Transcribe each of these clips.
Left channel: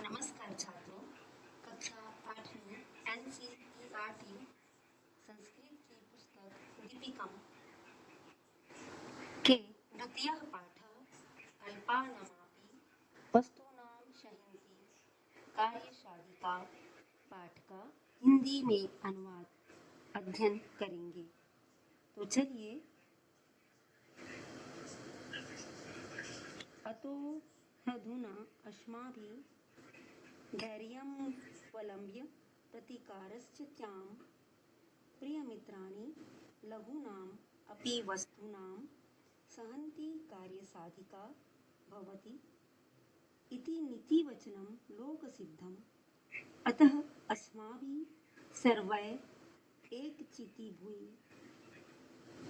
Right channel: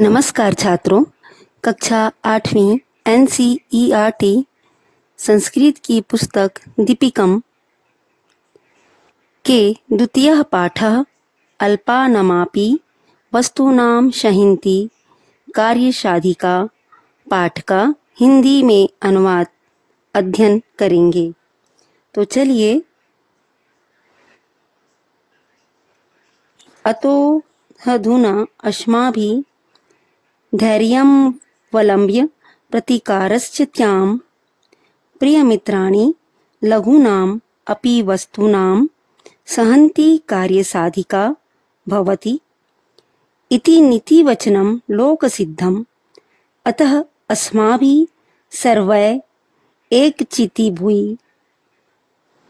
नमस्कार छात्रों। कक्षा 8वीं NCERT संस्कृत की पुस्तक दीपिकम के द्वितीयः पाठः अल्पानमापि वस्तूनां सहिन्ति कार्यसाधिका पाठ का हिंदी में अनुवाद अध्ययन करेंगे। तो चलिए, अतो अधुना अस्माभिः धैर्यमवलम्ब्य प्रतीकारश्चित्यां प्रियमित्राणि लघूनाम् अपि वस्तूनां सहन्ति कार्यसाधिका भवति इति नीतिवचनं लोकसिद्धम्। अतः अस्माभिः सर्वैः एकचित्तीभूय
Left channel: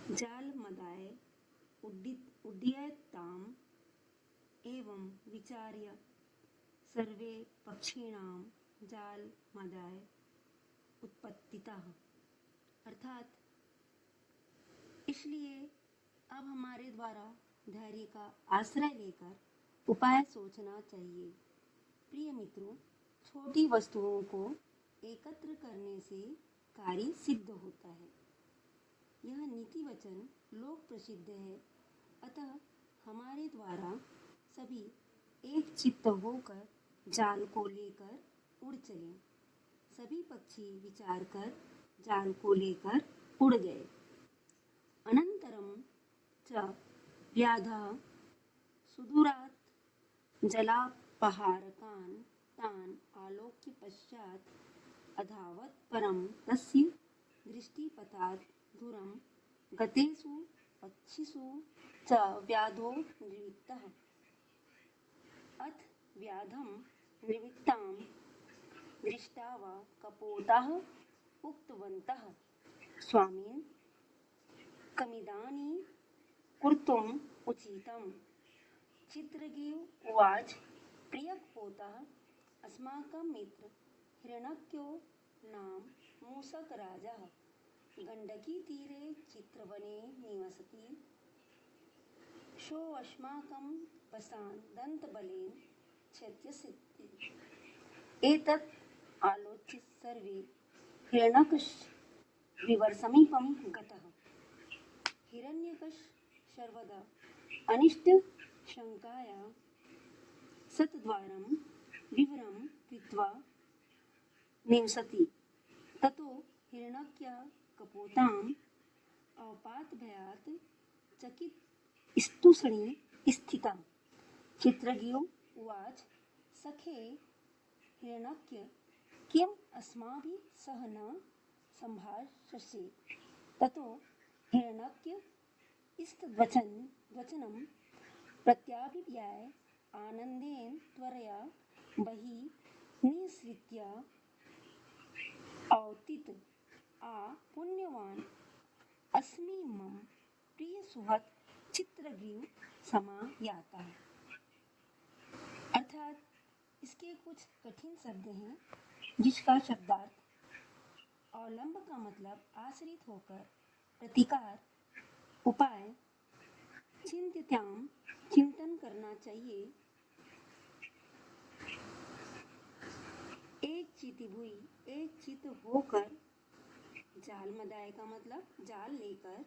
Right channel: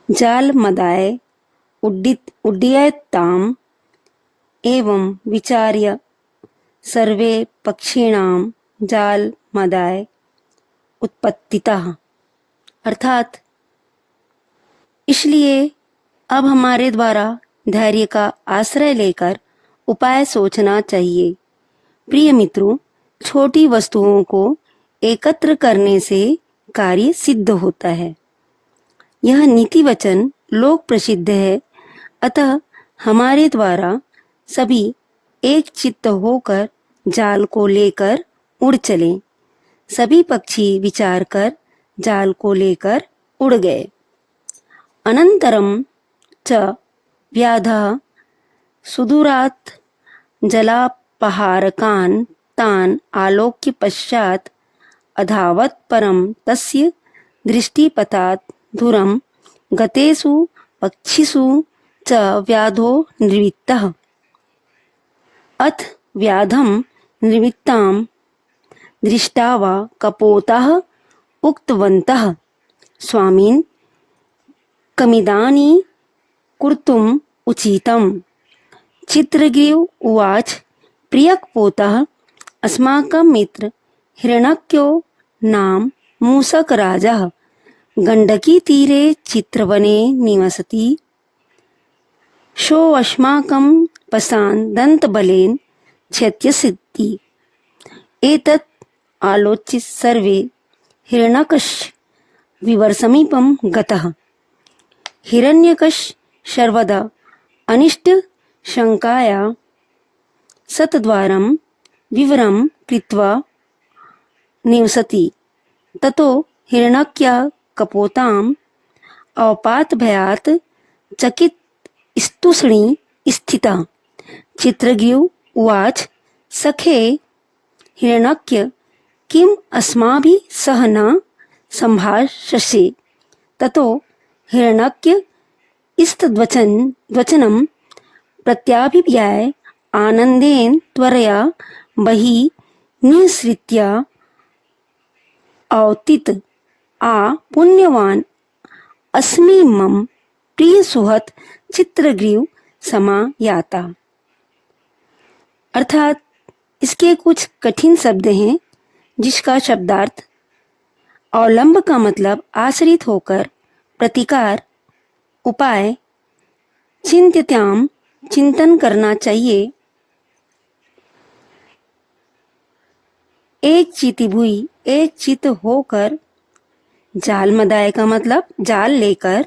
जालमदाय उड्डयेत्ताम् एवं विचार्य सर्वे पक्षिणां जालमदाय उत्पत्तितः। अर्थात इसलिए अब हमारे द्वारा धैर्य का आश्रय लेकर उपाय सोचना चाहिए। प्रिय मित्रों, छोटी वस्तुओं को एकत्र करने से कार्य सिद्ध होता है। यह नीति वचन लोक प्रसिद्ध है। अतः हमारे द्वारा सभी एक चित्त होकर जाल को लेकर उड़ चले। सभी पक्षी विचार कर जाल को लेकर उड़ गए। अनंतरम च व्याधः सुदूरात् जलापहारकान् तान् आलोक्य पश्चात् अधावत् परं तस्य दृष्टिपथात् दूरं गतेषु पक्षिषु च व्याधो निर्वृत्तः। अथ व्याधं निर्वृत्तां दृष्ट्वा कपोताः उक्तवन्तः, स्वामिन् कमिदानीं कर्तुम् उचितम्। चित्रग्रीव उवाच, प्रियकपोतः अस्माकं मित्र हिरण्यको नाम मूषकराजः गण्डकीतीरे चित्रवने निवसति। सोऽस्माकं पशान् दन्तबलेन छेत्स्यति। एतत् आलोच्य सर्वे हिरण्यकस्य विवरसमीपं गतः। हिरण्यकश्यप सर्वदा अनिष्टशङ्कया शतद्वारं विवरं कृत्वा निवसति। ततो हिरण्यकः कपोताम् अवपातभयात् चकितस्तूष्णी स्थितः। चित्रग्रीव उवाच, सखे हिरण्यक, किम् अस्माभिः सह न सम्भाषसे? ततो हिरण्यक स्तद्वचनं प्रत्याभिव्याय आनन्देन त्वरया बहिः निःसृत्य अवतीत, आ पुण्यवान् अस्मि मम प्रियसुहृत् चित्रग्रीव समायाता। अर्थात इसके कुछ कठिन शब्द हैं जिसका शब्दार्थ अवलंब का मतलब आश्रित होकर, प्रतिकार, उपाय, चिंत्यताम चिंतन करना चाहिए। एक चितिभुई एक चित होकर, जालमदाय का मतलब जाल लेकर,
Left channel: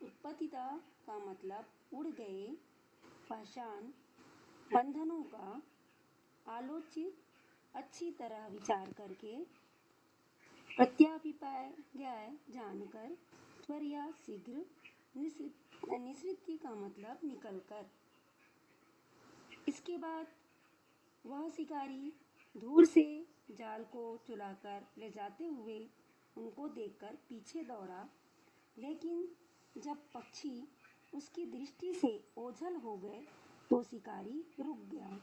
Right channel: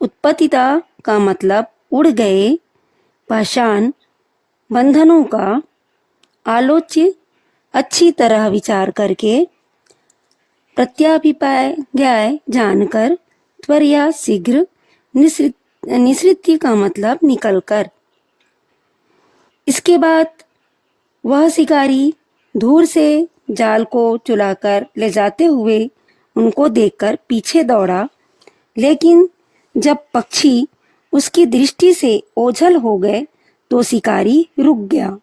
उत्पत्तिता का मतलब उड़ गए, पाषाण बंधनों का, आलोच्य अच्छी तरह विचार करके, प्रत्याभिप्राय जानकर, त्वरया शीघ्र, निसृत्य का मतलब निकलकर। इसके बाद वह शिकारी दूर से जाल को चुलाकर ले जाते हुए उनको देखकर पीछे दौड़ा, लेकिन जब पक्षी उसकी दृष्टि से ओझल हो गए तो शिकारी रुक गया।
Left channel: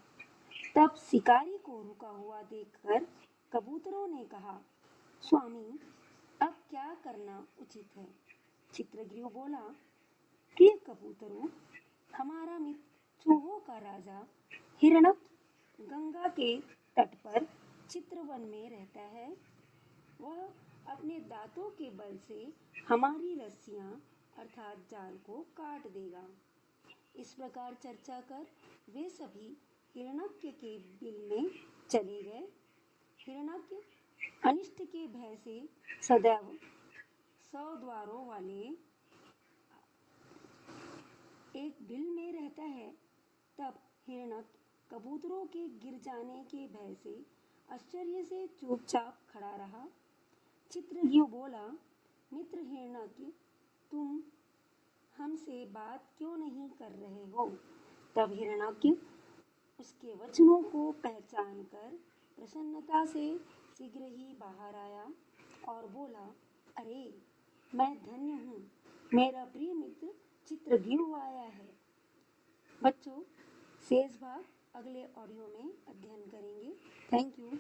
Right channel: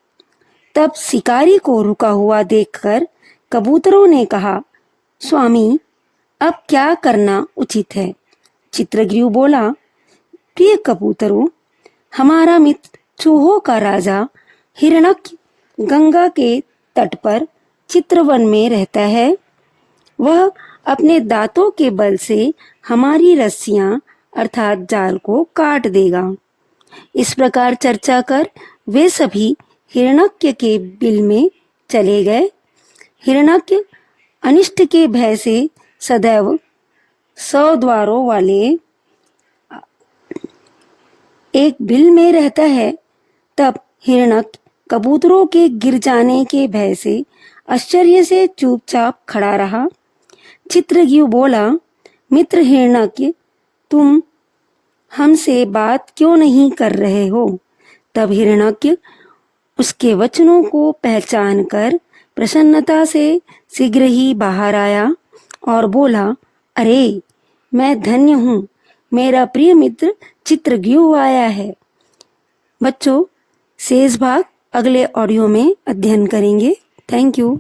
तब शिकारी को रुका हुआ देखकर कबूतरों ने कहा, स्वामी, अब क्या करना उचित है? चित्रग्रीव बोला, प्रिय कबूतरों, हमारा मित्र चूहों का राजा हिरण्यक गंगा के तट पर चित्रवन में रहता है। वह अपने दांतों के बल से हमारी रस्सियां अर्थात जाल को काट देगा। इस प्रकार चर्चा कर वे सभी हिरण्यक के बिल में चले गए। हिरण्यक अनिष्ट के भय से सदैव 100 द्वारों वाले एक बिल में रहता है। तब हिरण्यक कबूतरों के गिर जाने के भय से आश्चर्य से चुपचाप खड़ा रहा। चित्रग्यू बोला, मित्र हिरण्यक, तुम हमसे बात क्यों नहीं कर रहे हो? तब हिरण्यक उसके वचनों को पहचान कर प्रसन्नता से शीघ्र ही बाहर आया और बोला, अरे मैं धन्य हूँ, मेरा प्रिय मित्र चित्रग्यू आया है। बच्चों, शेष भाग अगले ऑडियो में अध्ययन करेंगे। Thank you.